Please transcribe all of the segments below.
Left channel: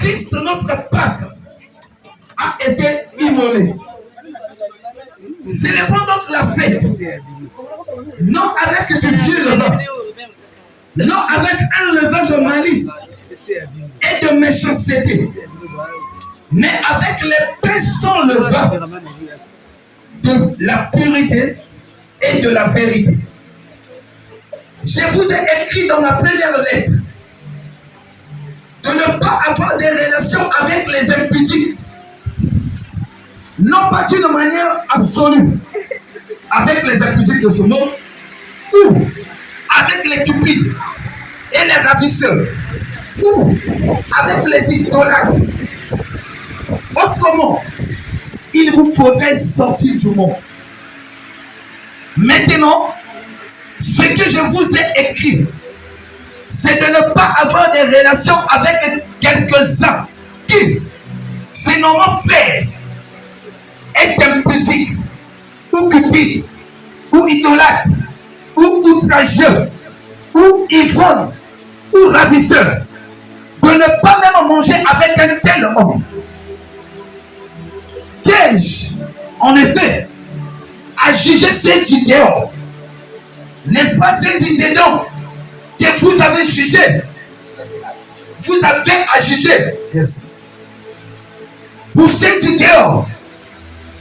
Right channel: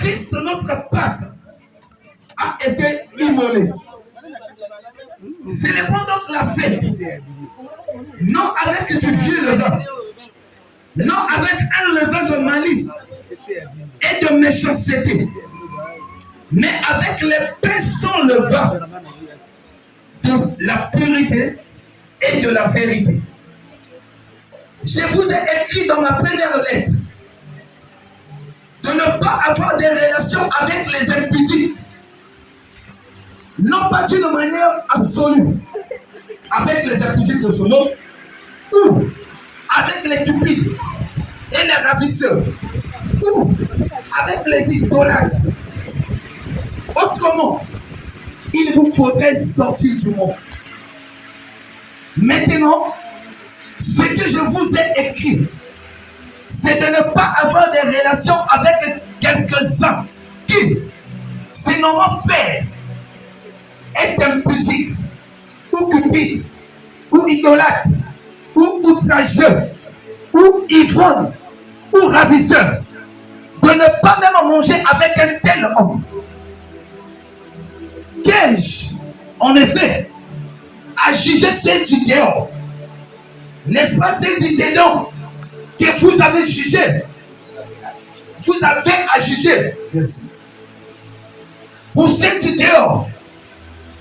Christ, notre Pâque, a été immolé. Célébrons donc la fête, non avec du vieux levain, non avec un levain de malice et de méchanceté, mais avec les pains sans levain de la pureté et de la vérité. Je vous ai écrit dans ma première lettre de ne pas avoir des relations avec les impudiques, non pas d'une manière absolue, avec les impudiques de ce monde, ou avec les cupides et les ravisseurs, ou avec les idolâtres. Autrement, il vous faudrait sortir du monde. Maintenant, ce que je vous ai écrit, c'est de ne pas avoir des relations avec quelques-uns qui, se nommant frères, est impudique, ou cupide, ou idolâtre, ou outrageux, ou ivrogne, ou ravisseur, de ne pas même manger avec un tel homme. Qu'ai-je, en effet, à juger ceux du dehors? N'est-ce pas ceux du dedans que vous avez jugé? Vous avez à juger. Merci. Pour ceux du dehors,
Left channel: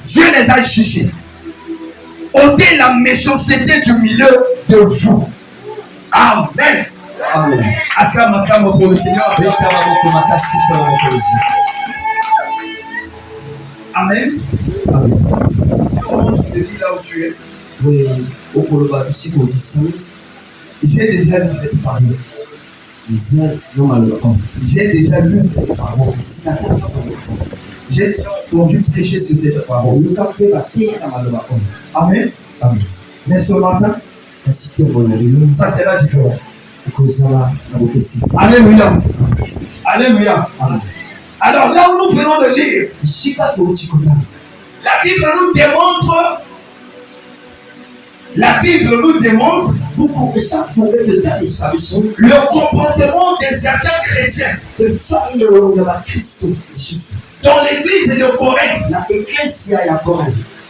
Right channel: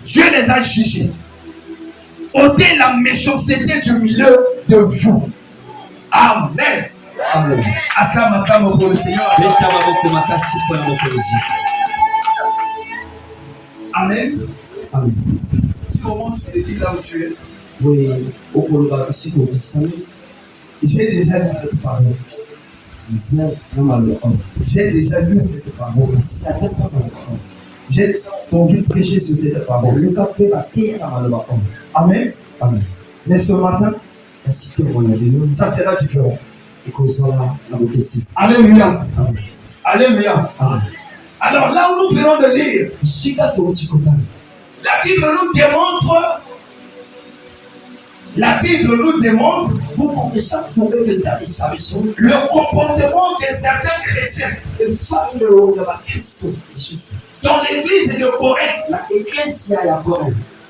Dieu les a jugés. Ôtez la méchanceté du milieu de vous. Amen. Amen. Acclame pour le Seigneur. Amen. Amen. Si on montre de dire là où tu es, oui, j'ai déjà lu cette parole. J'ai déjà lu cette parole. J'ai déjà entendu prêcher sur cette parole. Amen. Amen. Mais ce matin, ça sera différent. Alléluia. Alléluia. Alors là où nous venons de lire, la Bible nous démontre le comportement de certains chrétiens dans l'église de Corinthe.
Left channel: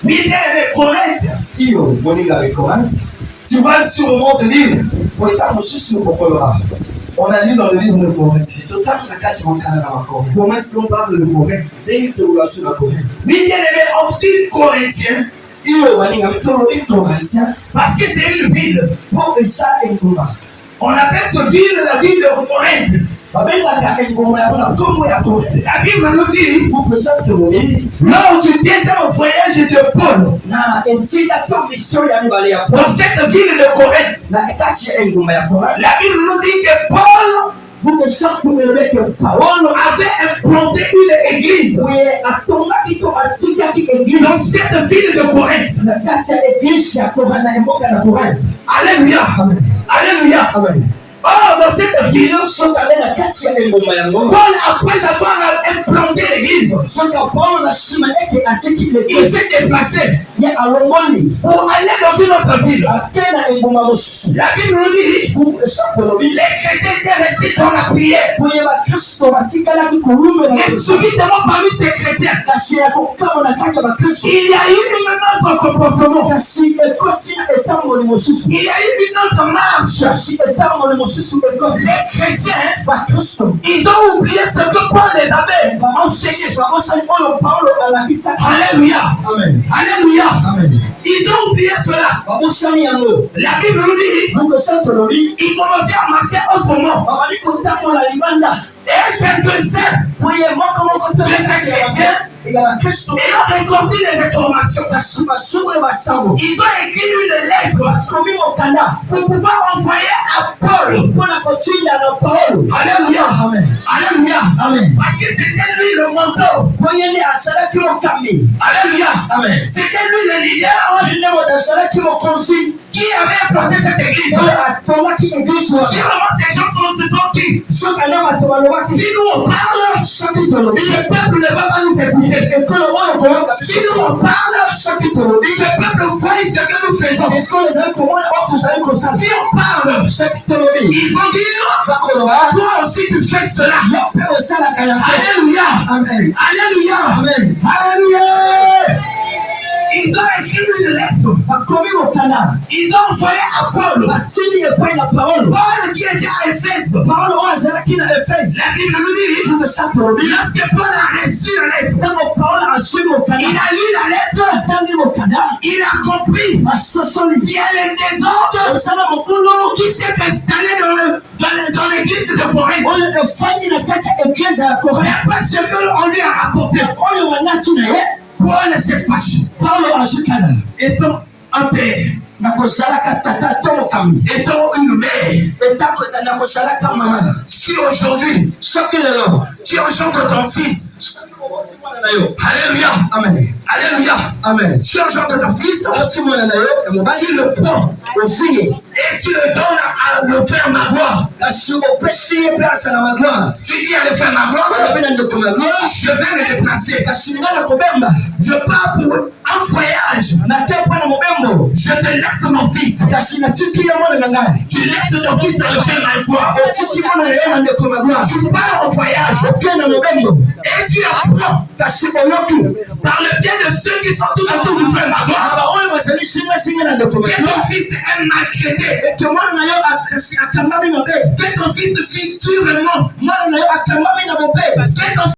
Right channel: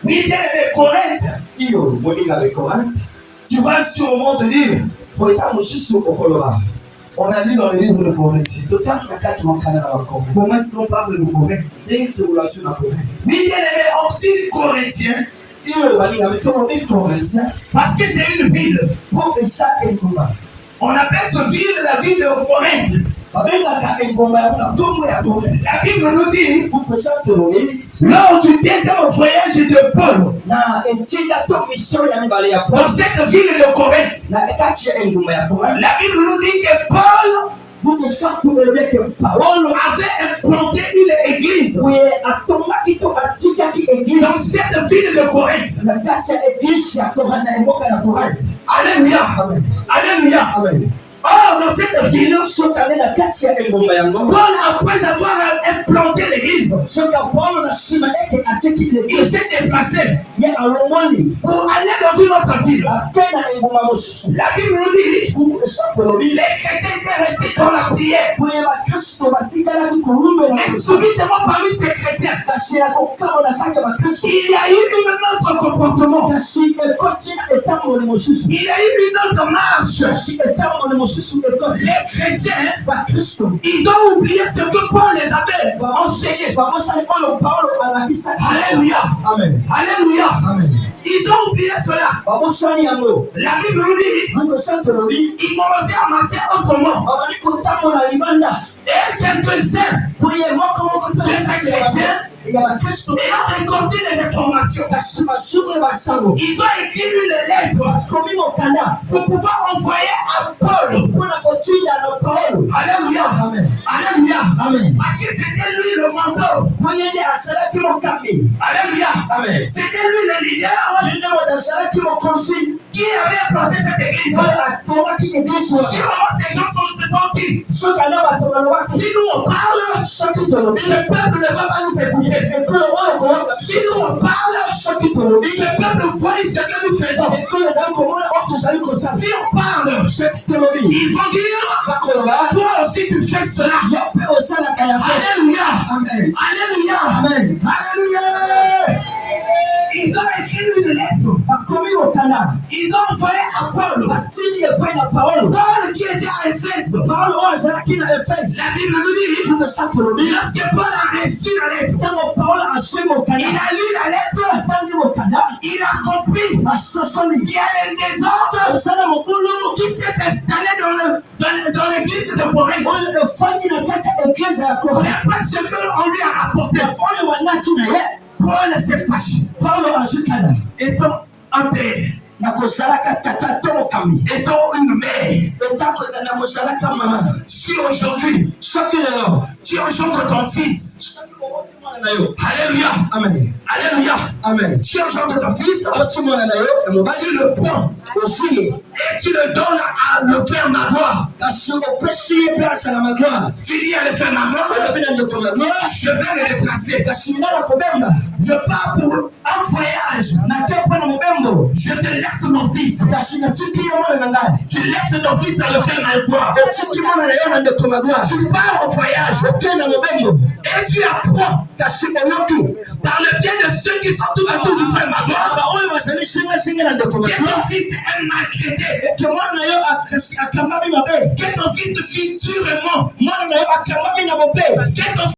Oui, bien aimé Corinthe. Tu vas sûrement te dire, on a lu dans le livre de Corinthiens. Comment est-ce qu'on parle de Corinthe? Oui, bien aimé, on dit Corinthien parce que c'est une ville. On appelle cette ville la ville de Corinthe. La Bible nous dit, lors du deuxième voyage de Paul, dans cette ville de Corinthe, la Bible nous dit que Paul avait implanté une église dans cette ville de Corinthe. Alléluia. Alléluia. Or, dans cette ville, Paul, après avoir implanté l'église, il s'est déplacé pour aller dans une autre ville. La Bible nous dit, les chrétiens étaient restés dans la prière. Mais subitement parmi ces chrétiens, il y a eu un autre comportement. Il y a eu une autre marche. Les chrétiens, ils ont oublié ce que Paul les avait enseigné. Alléluia. Amen. Alléluia. Amen. Ils ont oublié cela. La Bible nous dit, ils commençaient à marcher autrement. Et quelques-uns de ces chrétiens, ils ont récolté les informations. Ils ont écrit une lettre pour pouvoir envoyer à Paul. Alléluia. Amen. Alléluia. Amen. Parce que c'était lui le mentor. Alléluia. Amen. C'était lui le leader qui avait implanté cette église. Sûrement ces gens se sont qui? Si nous on parle, ce peuple ne va pas nous écouter. Si nous on parle, ce peuple voit ce que nous faisons. Si on parle, ils vont dire, toi aussi tu fais cela. Alléluia. Amen. Alléluia. Amen. Alléluia. Ils ont écrit une lettre. Ils ont envoyé à Paul. Paul qui était à Éphèse. La Bible nous dit, lorsque Paul a reçu la lettre, il a lu la lettre, il a compris qu'il y a le désordre qui s'est installé dans l'église de Corinthe. Mais parce qu'on lui a rapporté, Paul s'est fâché. Étant un père, étant une mère, si aujourd'hui tu engendres ton fils, alléluia, Amen. alléluia, Amen. tu engendres ton fils, tu le prends et tu le donnes à le frère Magloire. Tu dis à le frère Magloire, je vais me déplacer. Je pars pour un voyage. Je te laisse mon fils. Tu laisses ton fils à le frère Magloire. Tu pars au voyage et tu apprends par le biais de ceux qui sont tout autour du frère Magloire que ton fils est maltraité, que ton fils te tue vraiment, que ton